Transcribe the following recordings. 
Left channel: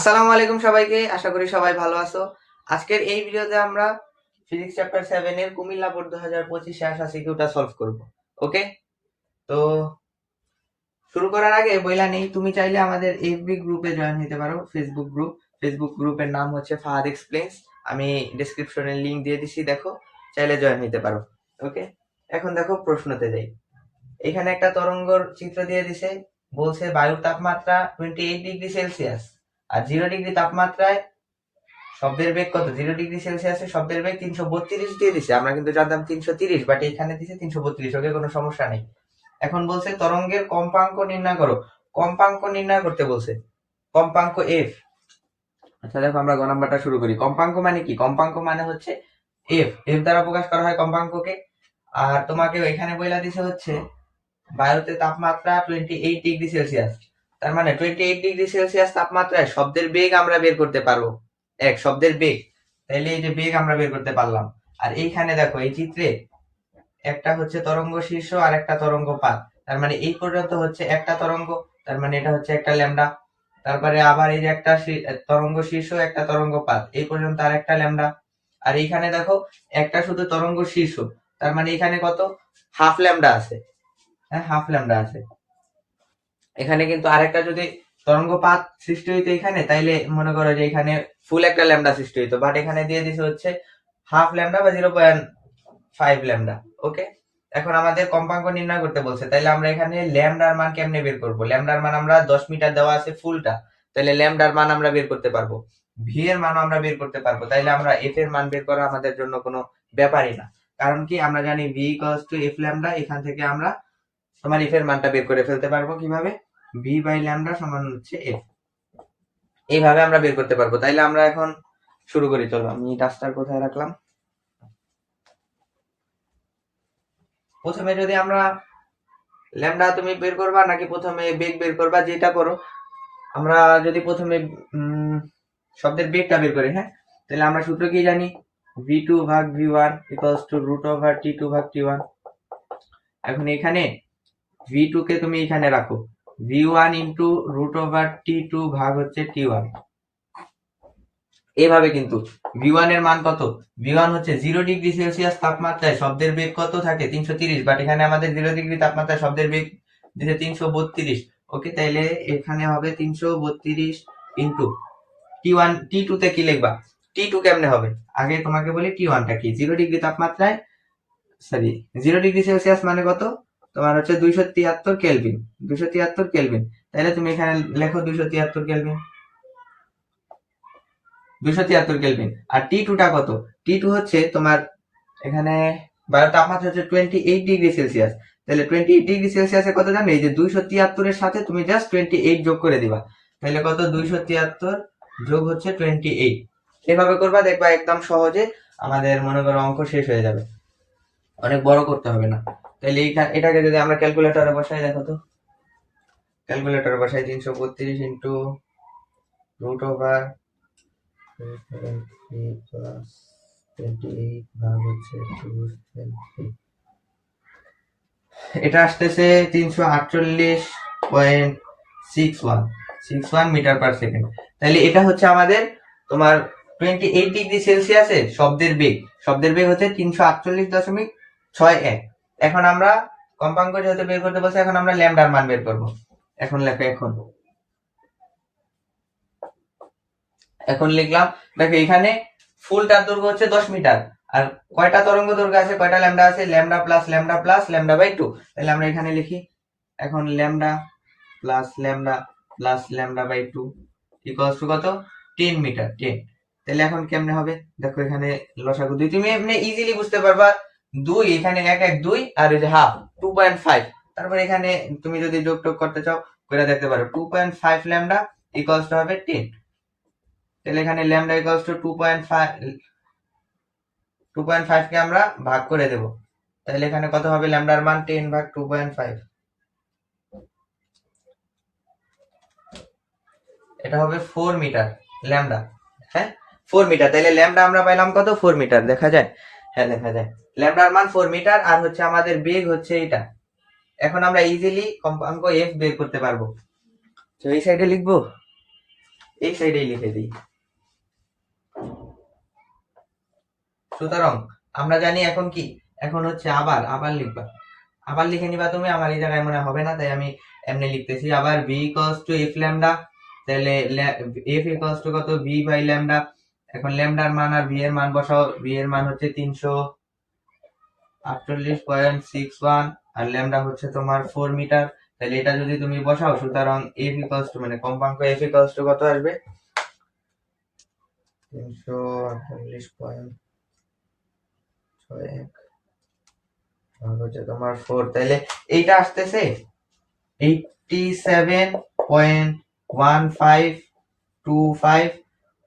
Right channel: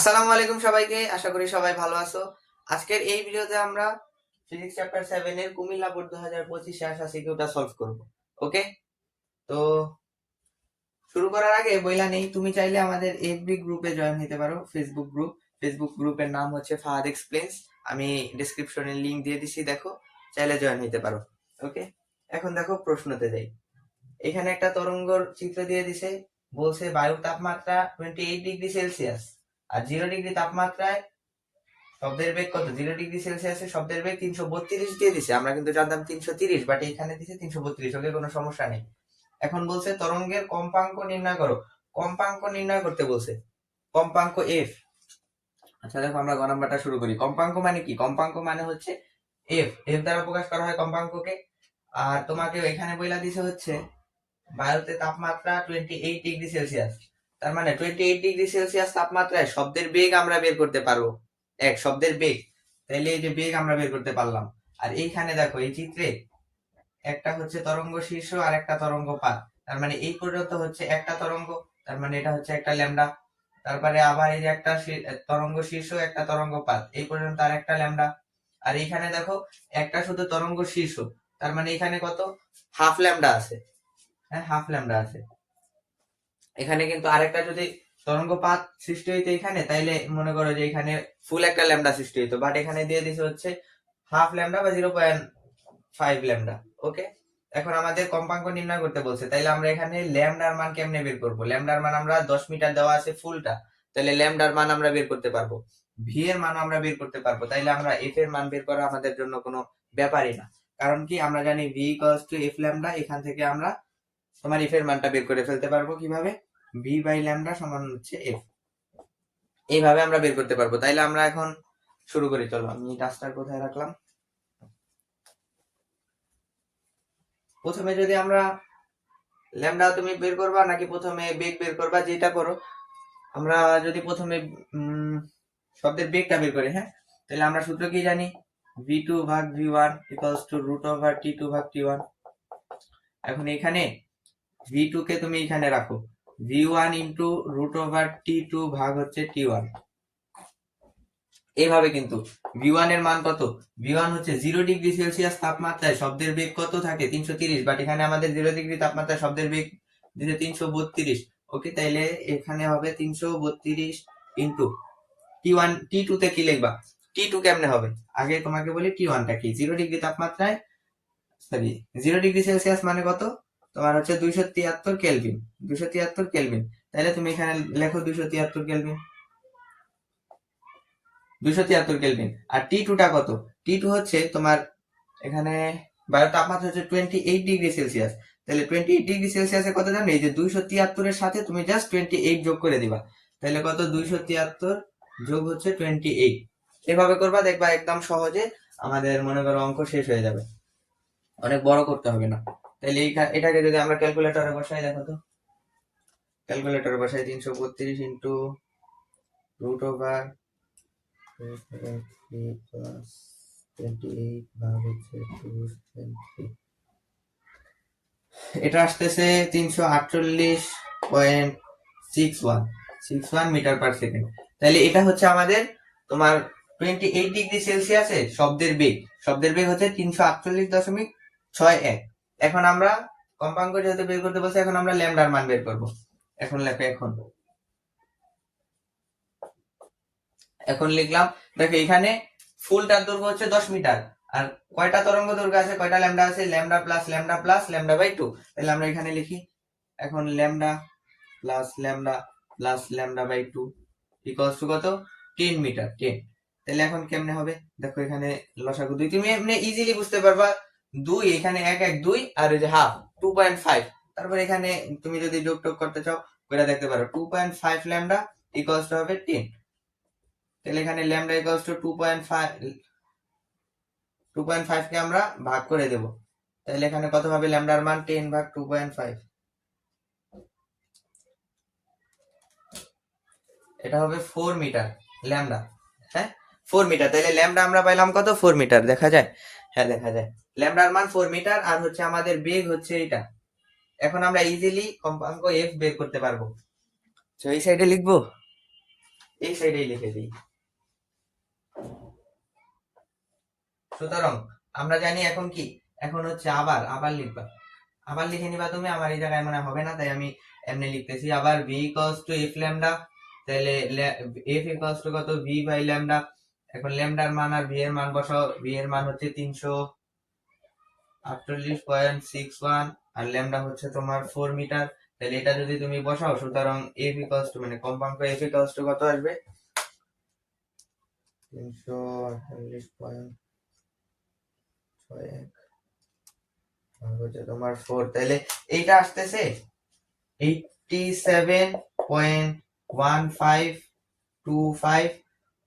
আসসালামু আলাইকুম সবাইকে, আশা করি সবাই ভালো আছো। আজকের এই ভিডিওতে আমরা ফিজিক্স চ্যাপ্টার 7 এর কুমিল্লা বোর্ড 2025 আসা সিকিউটা সলভ করব। ওকে, তো শুরু করার আগে বইলা নেই, তুমি চাইলে আমাদের এফবি গ্রুপে জয়েন হতে পারো। ফেসবুক গ্রুপের নাম হচ্ছে ফাহাদ এক্সপ্লেইনস। আমি ডেসক্রিপশনে লিংক দিয়ে দিছি, দেখো, চাইলে জয়েন হতে পারো। ওকে, এখন দেখো প্রশ্নতে যাই। এখানে একটা তরঙ্গর চিত্র দিয়ে দিছে, বলছে বায়ুর তাপমাত্রা 28 ডিগ্রি সেলসিয়াস আর 0 ডিগ্রি তাপমাত্রায় শব্দের বেগ কত। 0 ডিগ্রি সেলসিয়াসে শব্দের বেগ 332 দিয়ে দিছে, আমরা কিন্তু জানতাম 330, বাট এখানে দিছে 332। ওকে, কোনো সমস্যা নেই। এখন বলছে তরঙ্গের কম্পাঙ্ক নির্ণয় করো। কম্পাঙ্ক নির্ণয় করতে বলছে, কম্পাঙ্ক এফ। আচ্ছা দেখো, আমরা গ নাম্বারটা শুরু করি। কম্পাঙ্ক মানে কি? কম্পাঙ্ক মানে হচ্ছে এফ দ্বারা প্রকাশ করা হয় কম্পাঙ্ককে। আর তোমাকে এখানে বইলা দিছে হচ্ছে বায়ুতে তাপমাত্রা 28 ডিগ্রি সেলসিয়াস। তার মানে 28 ডিগ্রি সেলসিয়াস তাপমাত্রায় শব্দের বেগ আমরা বের করতে পারবো। শব্দের বেগ, তাইলে এই যে বেগ আমরা বের করতে পারলাম। আর এইখানে দেখো, এই চিত্রে একটা হচ্ছে তরঙ্গ শীর্ষ আর একটা তরঙ্গ পাত। তার মানে এই পর্যন্ত হচ্ছে একটা তরঙ্গ, তার মানে এটা হচ্ছে একটা ল্যামডা। তারপরে আবার এই যে একটা তরঙ্গ শীর্ষ, একটা তরঙ্গ পাত, এই পর্যন্ত আর একটা ল্যামডা। আর এইখানে দেখো একটা শুধু তরঙ্গ শীর্ষ, তার মানে এখানে কত? হাফ ল্যামডা আছে। হ্যাঁ, হাফ ল্যামডা আছে। এখানে কিন্তু আরেকটা যদি তরঙ্গপাত সৃষ্টি হইতো এখানে, তাইলে মনে করো যে এখানে ফুল একটা ল্যামডা সৃষ্টি হইতো, বাট এখানে দিয়ে দিছে হচ্ছে হাফ ল্যামডা বা 0.5 ল্যামডা। ওকে, এখন আমাদের কম্পাঙ্ক নির্ণয় করতে বলছে, তাইলে আমরা এখানে ল্যামডার মান কেমনে বের করব? ল্যামডার মান আমরা 10 মিটার দেওয়া আছে ফুলটা, তাইলে ল্যামডার মান আমরা বের করতে পারবো। ভি এর মানও আমরা বের করতে পারবো, তাইলে আমরা এফ এর মান বের করা আমাদের জন্য কোনো ব্যাপারই না। কারণ কি, আমরা জানি V equals to F lambda. এখান থেকে আমরা তোমার এফ এর মানটা বের করে ফেলতে পারবো। কিভাবে? ভি বাই ল্যামডা সমান হচ্ছে এফ। এইভাবে আমরা বের করতে পারবো। তাইলে আমরা এখন শুরু করি। চলো, আমি ডাস্টার কোথায় রাখলাম। প্রথমে যদি আমরা ল্যামডা তুমি বের করবা নাকি প্রথমে বেগ বের করবা, যেটা করো। আমরা যদি প্রথমে শব্দের বেগটা বের করি, হ্যাঁ, তাহলে আমরা সূত্র কি জানি? v2 ভাগ v1 equals to root over t2 ভাগ t1। এখন এখানে v2 কে তুমি এখানে রাখো, v1 into root over t2 ভাগ হচ্ছে t1। এইভাবে কিন্তু v1 এর মান কত? v1 হচ্ছে 0 ডিগ্রি সেলসিয়াস তাপমাত্রায় শব্দের বেগ কত থাকে? 330, বাট এখানে আমাদের 0 ডিগ্রি তাপমাত্রায় শব্দের বেগ দিতে 332। ওকে, তাইলে এখানে হবে 332 ইন্টু টি1। টি2 তে কি লিখবা? টি2 কেমনে হবে? আগে তোমাকে বলি টি1টা কি। 0 ডিগ্রি তাপমাত্রায়, সরি, 0 ডিগ্রি সেলসিয়াস মানে কত? তোমার হচ্ছে 273 কেলভিন। 273 কেলভিন, তাহলে তুমি এখানে লেখো 273 কেলভিন। 273 কেলভিন। আর টি2টা কত? টি2 হচ্ছে তোমার এখানে বায়ুর তাপমাত্রা হচ্ছে 28 ডিগ্রি সেলসিয়াস। তাহলে 28 ডিগ্রি সেলসিয়াসে কত জানো? এই যে 273 এর সাথে তুমি জাস্ট 28 যোগ করে দিবা, তাহলে কত? 273 যোগ হচ্ছে 28। এভাবে করবা, দেখবা একদম সহজে আমাদের মনে করো অঙ্ক শেষ হয়ে যাবে, অনেক বড় করতে হবে না। তাহলে এটাকে যদি আমরা ক্যালকুলেটরে বসাই, দেখো তো, ক্যালকুলেটরে বসাই 332 ইন্টু রুট ওভার 28 ভাগ হচ্ছে 220। এটা আসতেছে 348.61 মিটার পার সেকেন্ড। তাহলে এটা হচ্ছে আমাদের তোমার 28 ডিগ্রি সেলসিয়াসে শব্দের বেগ। শব্দের বেগ হচ্ছে 348.61। এখন আমরা কম্পাঙ্ক যেহেতু বের করতে বলছি, এখন আমরা ল্যামডার মান বের করব। এখন লেখো, এখন লিখলাম। দেখো এখানে ফুলটার দৈর্ঘ্য হচ্ছে 10 মিটার। আর কয়টা তরঙ্গ দৈর্ঘ্য আছে, কয়টা ল্যামডা আছে? Lambda plus lambda plus lambda by 2। তাহলে আমরা এখানে লিখি, এখন lambda plus lambda plus lambda by 2 equals to কত? 10 মিটার, 10। তাহলে এখন কেমনে হবে? দেখো এখানে লসাগু 2, তুমি এমনি ইজিলি বুঝতে পারবা। 2 এখানে 1 1 2, আর এই যে হাফ 2.5। তারপর এখানে তুমি যদি যোগ টোগ করতে চাও করে দেখতে পারো। 2.5 ল্যামডা ইকুয়ালস টু হবে 10। তাহলে এখানে ল্যামডা ইকুয়ালস টু 2.5 কে আমরা ভাগ করে দেব। তাহলে এখানে কত হবে? ল্যামডার মান 10 ভাগ 2.5, এটা হবে 4 মিটার ল্যামডা। হ্যাঁ, 4 মিটার। তাহলে ল্যামডা আমরা পাইলাম কত? 4 মিটার। দেখা যায়? হ্যাঁ, দেখা যায়। ল্যামডার মান 4 মিটার, আর হচ্ছে আমাদের বেগ হচ্ছে এটা। এখন আমরা ইজিলি কম্পাঙ্ক এফ বের করতে পারবো। তো এই সাইডে লিখবো এই সাইডেই লিখে দিই। সুতরাং আমরা জানি এখন কি, এখন হচ্ছে আবার লিখবা, আবার লিখে নিবা তুমি। আমার এই জায়গায় মনে হবে না, তাই আমি এমনি লিখতেছি। আবার v equals to F lambda, তাহলে এফ ইকুয়ালস টু কত, v বাই ল্যামডা। এখন ল্যামডার মান আর v এর মান বসাও। v এর মান হচ্ছে 348.61 আর ল্যামডা হচ্ছে তোমার 4 মিটার। তাহলে এটা যদি তুমি বসাও, সুতরাং এফ ইকুয়ালস টু মানে কম্পাঙ্ক এফ ইকুয়ালস টু কত আসবে, 348.61 হচ্ছে তোমার 4। তাহলে এইটা আসতেছে 87.1525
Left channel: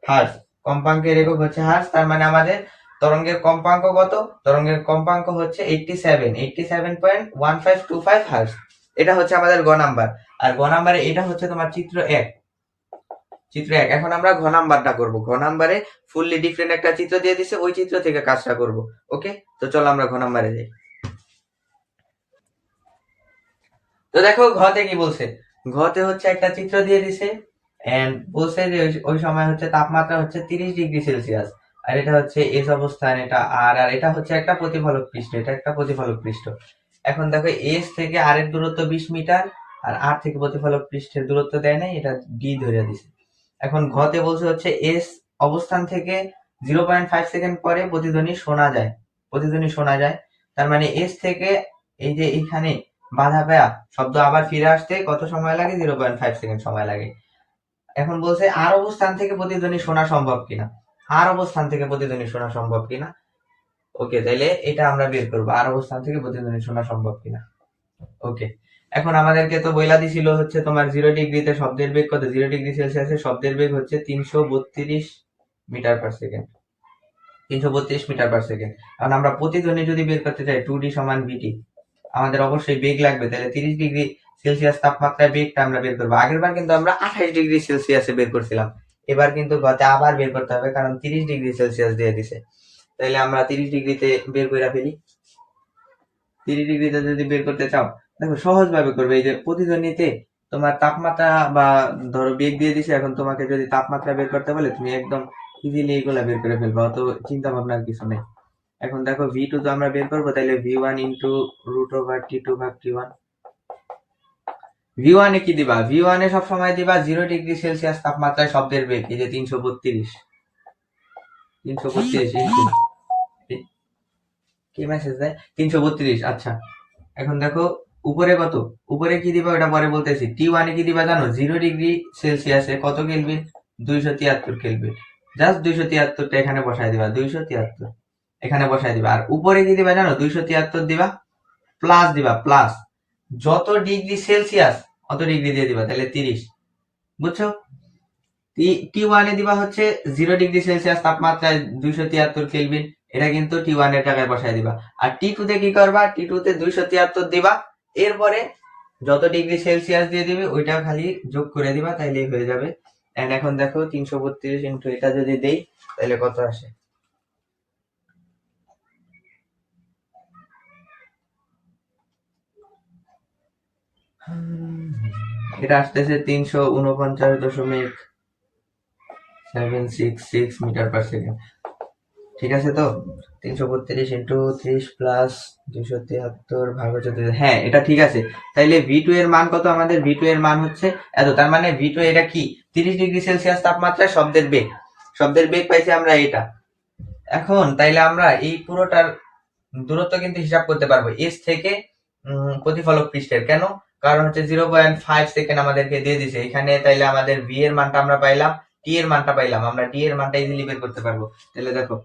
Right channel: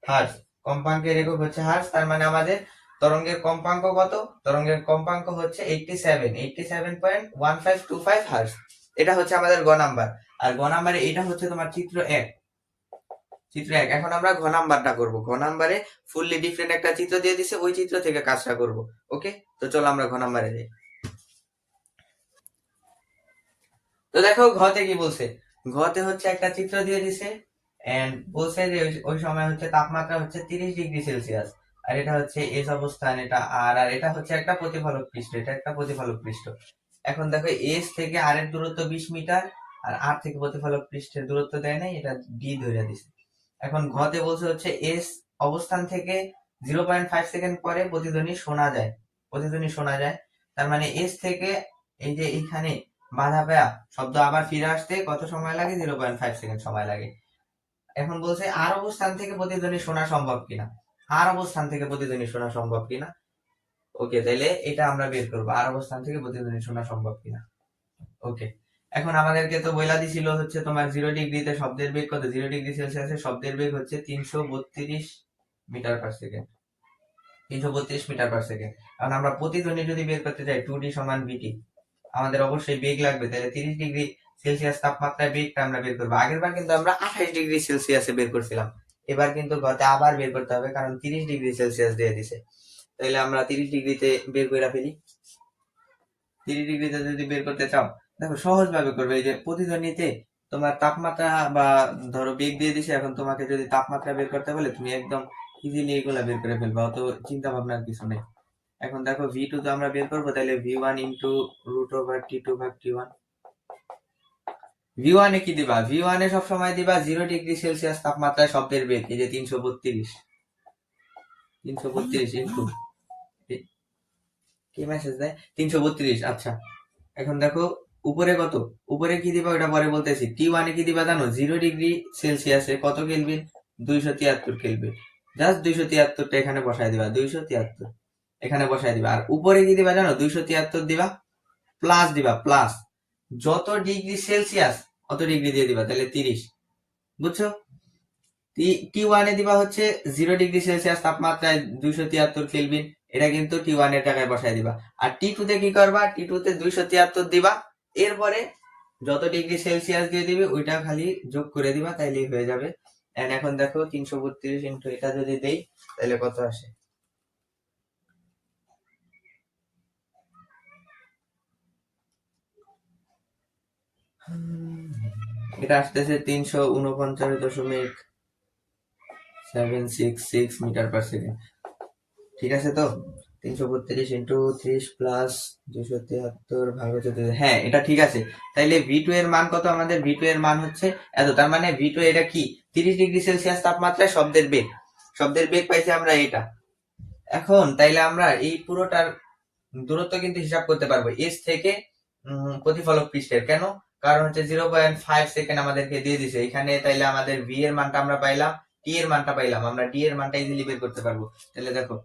হার্জ। কম্পাঙ্কের একক হচ্ছে হার্জ। তার মানে আমাদের তরঙ্গের কম্পাঙ্ক কত, তরঙ্গের কম্পাঙ্ক হচ্ছে 87.1525 হার্জ। এটা হচ্ছে আমাদের গ নাম্বার। আর গ নাম্বারে এটা হচ্ছে তোমার চিত্র 1। এখন আমরা ঘ নাম্বারটা করব। ঘ নাম্বারে ফুললি ডিফারেন্ট একটা চিত্র দিয়ে দিছে, ওই চিত্র থেকে কাজটা করব। ওকে, তো চলো আমরা ঘ নাম্বারে যাই। তো দেখো ঘতে কি বলছে, ঘতে হচ্ছে একটা চিত্র দিয়ে দিছে এন্ড বলছে যে ওই সময় হচ্ছে তাপমাত্রা হচ্ছে 30 ডিগ্রি সেলসিয়াস, আর এটা হচ্ছে এস অবস্থান, এটা আর এটা হচ্ছে একটা প্রতিফলক পৃষ্ঠ, এটা একটা প্রতিফলক পৃষ্ঠ। এখন দেখো এস থেকে আর এর দূরত্ব 20 মিটার, আর আর থেকে প্রতিফলক পৃষ্ঠের দূরত্ব দেয় নাই, এটা ডি ধরে দিছে। এখন ঘতে বলছে হচ্ছে এস অবস্থান থেকে 0.5 সেকেন্ড পরে প্রতিধ্বনি শোনা যায়। তার মানে এস থেকে এই যে এইখানে বাধা পেয়া শব্দ আবার ফিরে আসতে কত সময় লাগে, 0.5 সেকেন্ড সময় লাগে। এখন বলছে আর অবস্থান থেকে প্রতিধ্বনি শোনা সম্ভব কিনা, ওকে, তাইলে এটা আমরা বের করবো, আর অবস্থান থেকে প্রতিধ্বনি শোনা সম্ভব কিনা। ওকে, এখন আমাদেরকে তো বইলা দিছিল হচ্ছে তোমার 0 ডিগ্রিতে শব্দের বেগ কত, 0 ডিগ্রি সেলসিয়াসে শব্দের বেগ হচ্ছে 332 metre per second, 332 metre per second. কারণ আমরা প্রতিধ্বনি যদি বের করতে চাই 2d সমান vt, আমাদের অবশ্যই বেগ লাগবে। তাহলে 30 ডিগ্রি সেলসিয়াস তাপমাত্রায় বেগটা আমরা বের করবো। আগের বার কিন্তু আমরা 28 ডিগ্রি সেলসিয়াসে বের করছিলাম, এবার কিন্তু গতে আবার বের করতে হবে, কারণ 30 ডিগ্রি সেলসিয়াস দিয়ে দিছে। তাহলে আমরা 30 ডিগ্রিতে বের করে ফেলি। 30 ডিগ্রিতে যদি বের করতে চাও, দেখো সহজ ভাবে করবে। এই যে প্রতিধ্বনিতে তোমার তাপমাত্রা বা ধরো বেগ দিয়ে দিছে, এখন তোমাকে যদি তাপমাত্রা বের করতে বলে তুমি একদম ইজিলি এগুলা বের করে ফেলবা, অত চিন্তা ভাবনার কিছু নেই। এখন দেখো v2 তো আমরা বের করবো, তাহলে v1 into root over t2 ভাগ t1। v1 এ কি দিবা, v1 এ সব সময় দিবা 0 ডিগ্রি সেলসিয়াস তাপমাত্রায় শব্দের বেগ, এই যে 332 ইন্টু কি মেসেজ দেয় 332। আচ্ছা, এখন দেখো উপরে কত, উপরে কি দিবা ওটা পরে বলতেছি। t1 এ কি দিবা জানো, 0 ডিগ্রি সেলসিয়াসে কত কেলভিন, 273 কেলভিন। জাস্ট 273টা এখানে বসায় দিবা, 273 এখানে বসায় দিবা। আর উপরে কি দিবা জানো, 273 দিবা, প্লাস দিবা, প্লাস যত ডিগ্রি সেলসিয়াস অত ডিগ্রি দিয়ে দিবা, তাহলে 30। বুঝছো, t1 এ দিবা হচ্ছে 0 ডিগ্রি সেলসিয়াস তাপমাত্রায় 273 কেলভিন, এটা কিন্তু t1 এর জায়গায় বসায় দিবা। আর t2 তে কি করবা, t2 তে 273 দিবা, এরপরে যত ডিগ্রি সেলসিয়াস দিয়ে দিবে ওইটা খালি যোগ করে দিবা, তাইলেই হয়ে যাবে। এন্ড এখন দেখো 332 ইন্টু এটা যদি দেই, তাহলে কত আসে, এটা আসতেছে 349.766 মিটার পার সেকেন্ড। ঠিক আছে, তো 332 ইন্টু 30 প্লাস 273 ভাগ হচ্ছে 2। হ্যাঁ, এটা ঠিক আছে। তাইলে v2 এর মান কত, আমাদের v2 এর মান হচ্ছে এত। তার মানে v2 এটা কি, 30 ডিগ্রি সেলসিয়াস তাপমাত্রায় শব্দের বেগ পাইছি আমরা এটা। এখন তাইলে আমরা এই পুরোটার দূরত্ব কিন্তু হিসাব করতে পারবো এস থেকে প্রতিফলক পৃষ্ঠের। কেন, কারণ হচ্ছে 0.5 সেকেন্ড আমাদেরকে দিয়ে দিছে এখানে। তাইলে আমাদের v এর মানটা আমরা পাইলাম, t এর মানটা পাইলাম, আমরা d এর মানটা ইজিলি বের করতে পারবো। তাহলে দেখো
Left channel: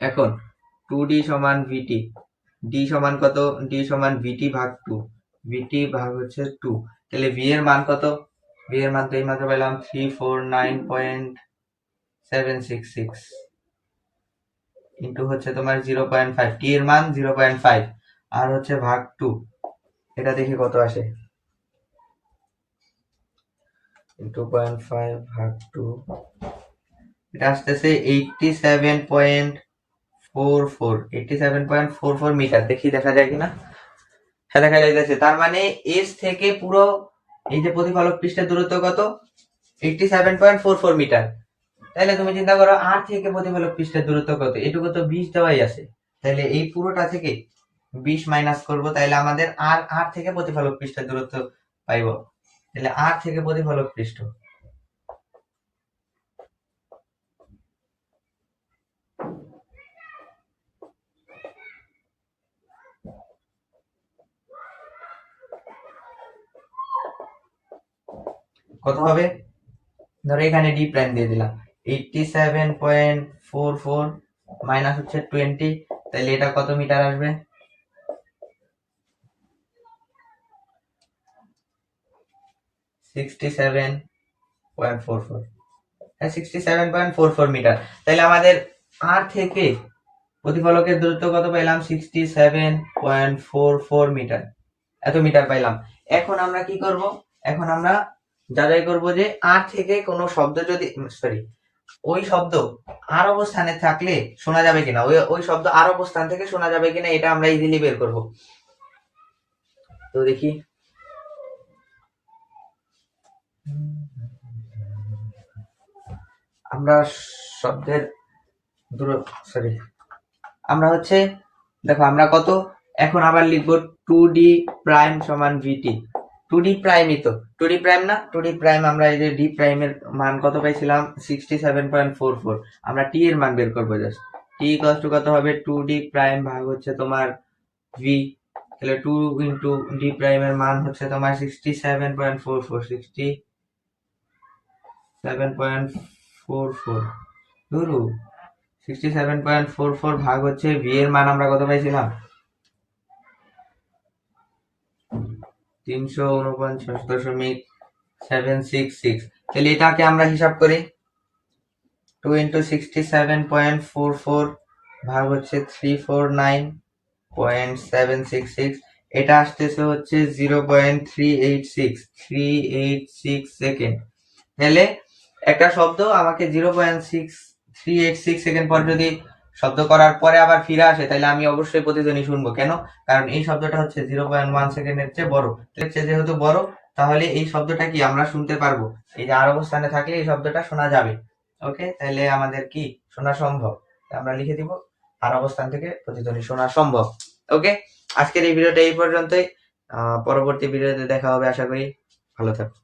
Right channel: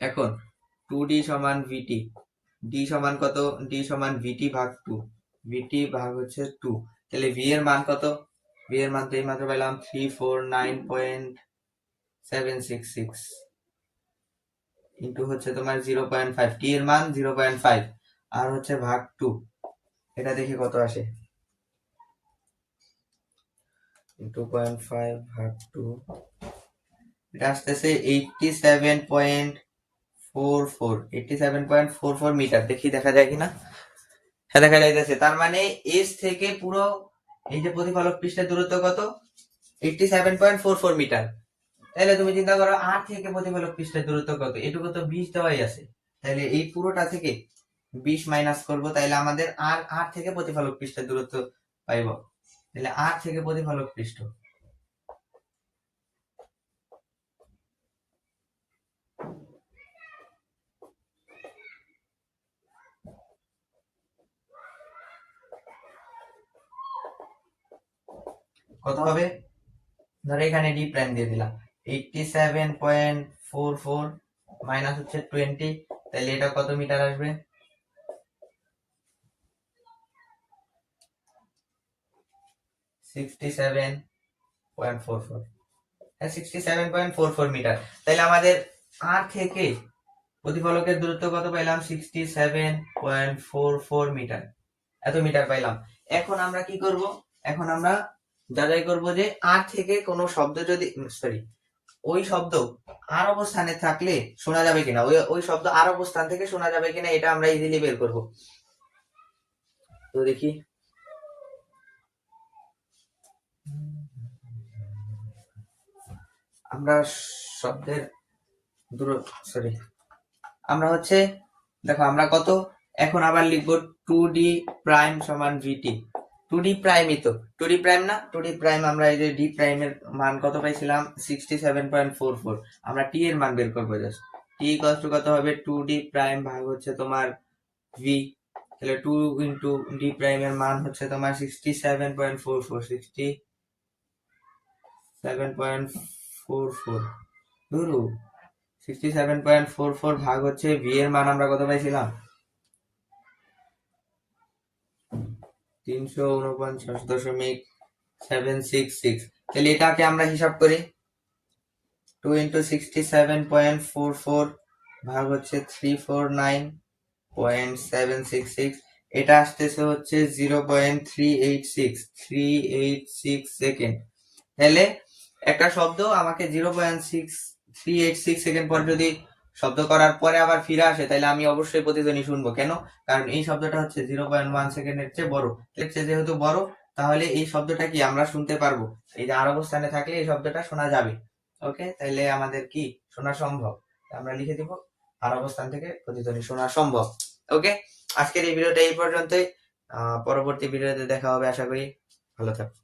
এখন 2d সমান vt, d সমান কত, d সমান vt ভাগ 2, vt ভাগ হচ্ছে 2। তাহলে v এর মান কত, v এর মান তো এই মাত্র পেলাম 349.766 ইন্টু হচ্ছে তোমার 0.5, t এর মান 0.5 আর হচ্ছে ভাগ 2, এটা দেখি কত আসে, 2.5 ভাগ 2, এটা আসতেছে 87.44 মিটার। দেখি দেখা যায় কিনা, হ্যাঁ দেখা যাইতেছে। তার মানে এস থেকে পুরো এই যে প্রতিফলক পৃষ্ঠের দূরত্ব কত, 87.44 মিটার। তাহলে তুমি চিন্তা করো আর থেকে প্রতিফলক পৃষ্ঠের দূরত্ব কত, এটুকু তো 20 দেওয়াই আছে। তাহলে এই পুরোটা থেকে 20 মাইনাস করব, তাহলে আমাদের আর থেকে প্রতিফলক পৃষ্ঠের দূরত্ব পাইব। তাহলে আর থেকে প্রতিফলক পৃষ্ঠ কত হবে, ধরো এখানে ডি প্রাইম দিয়ে দিলাম 87.44 মাইনাস হচ্ছে 20, তাহলে এটা কত মিটার আসবে, 67.44 মিটার। তাহলে আমাদের আর থেকে প্রতিফলকের দূরত্ব কত পাইলাম, 67.44 মিটার, এত মিটার পাইলাম। এখন আমরা কি করব, এখন আমরা যাচাই করব যে আর থেকে কোনো শব্দ যদি ওই শব্দ আর অবস্থানে থাকলে শোনা যাবে কিনা, ওই শব্দ আর অবস্থান থেকে শোনা যাবে কিনা, এটা আমরা ইজিলি বের করব। তো দেখি, আমরা শব্দের আমরা হচ্ছে দেখো আমরা কত, এখন আবার লিখবো 2d প্রাইম সমান vt। 2d প্রাইমই তো, 2d প্রাইম না, 2d প্রাইম আমরা এই যে d প্রাইমের মান কত পাইছিলাম 67.44, আমরা t এর মান বের করবো জাস্ট। t ইকুয়াল টু কত হবে, 2d প্রাইম ভাগ হচ্ছে তোমার v, তাহলে 2 ইন্টু d প্রাইমের মান হচ্ছে তোমার 67.44, 67.44 ধরু 67.44 ভাগ হচ্ছে v এর মান আমরা কত পাইছিলাম 349.766। তাহলে এটাকে আমরা হিসাব করি, 2 ইন্টু 67.44 ভাগ হচ্ছে 349.766, এটা আসতেছে হচ্ছে 0.386 সেকেন্ড। তাহলে একটা শব্দ আমাকে 0.386 সেকেন্ড পর যদি শব্দ করার পরে আবার ফিরে আসে, তাহলে আমি অবশ্যই প্রতিধ্বনি শুনবো। কেন, কারণ এই শব্দটা হচ্ছে 0.1 সেকেন্ডের চেয়ে বড়, যেহেতু বড় তাহলে এই শব্দটা কি আমরা শুনতে পারবো, এই যে আর অবস্থানে থাকলে এই শব্দটা শোনা যাবে। ওকে, তাহলে আমাদের কি শোনা সম্ভব, আমরা লিখে দিব আর অবস্থান থেকে প্রতিধ্বনি শোনা সম্ভব। ওকে, আজকের এই ভিডিওটা এই পর্যন্তই, পরবর্তী ভিডিওতে দেখা হবে, আশা করি ভালো থাকো।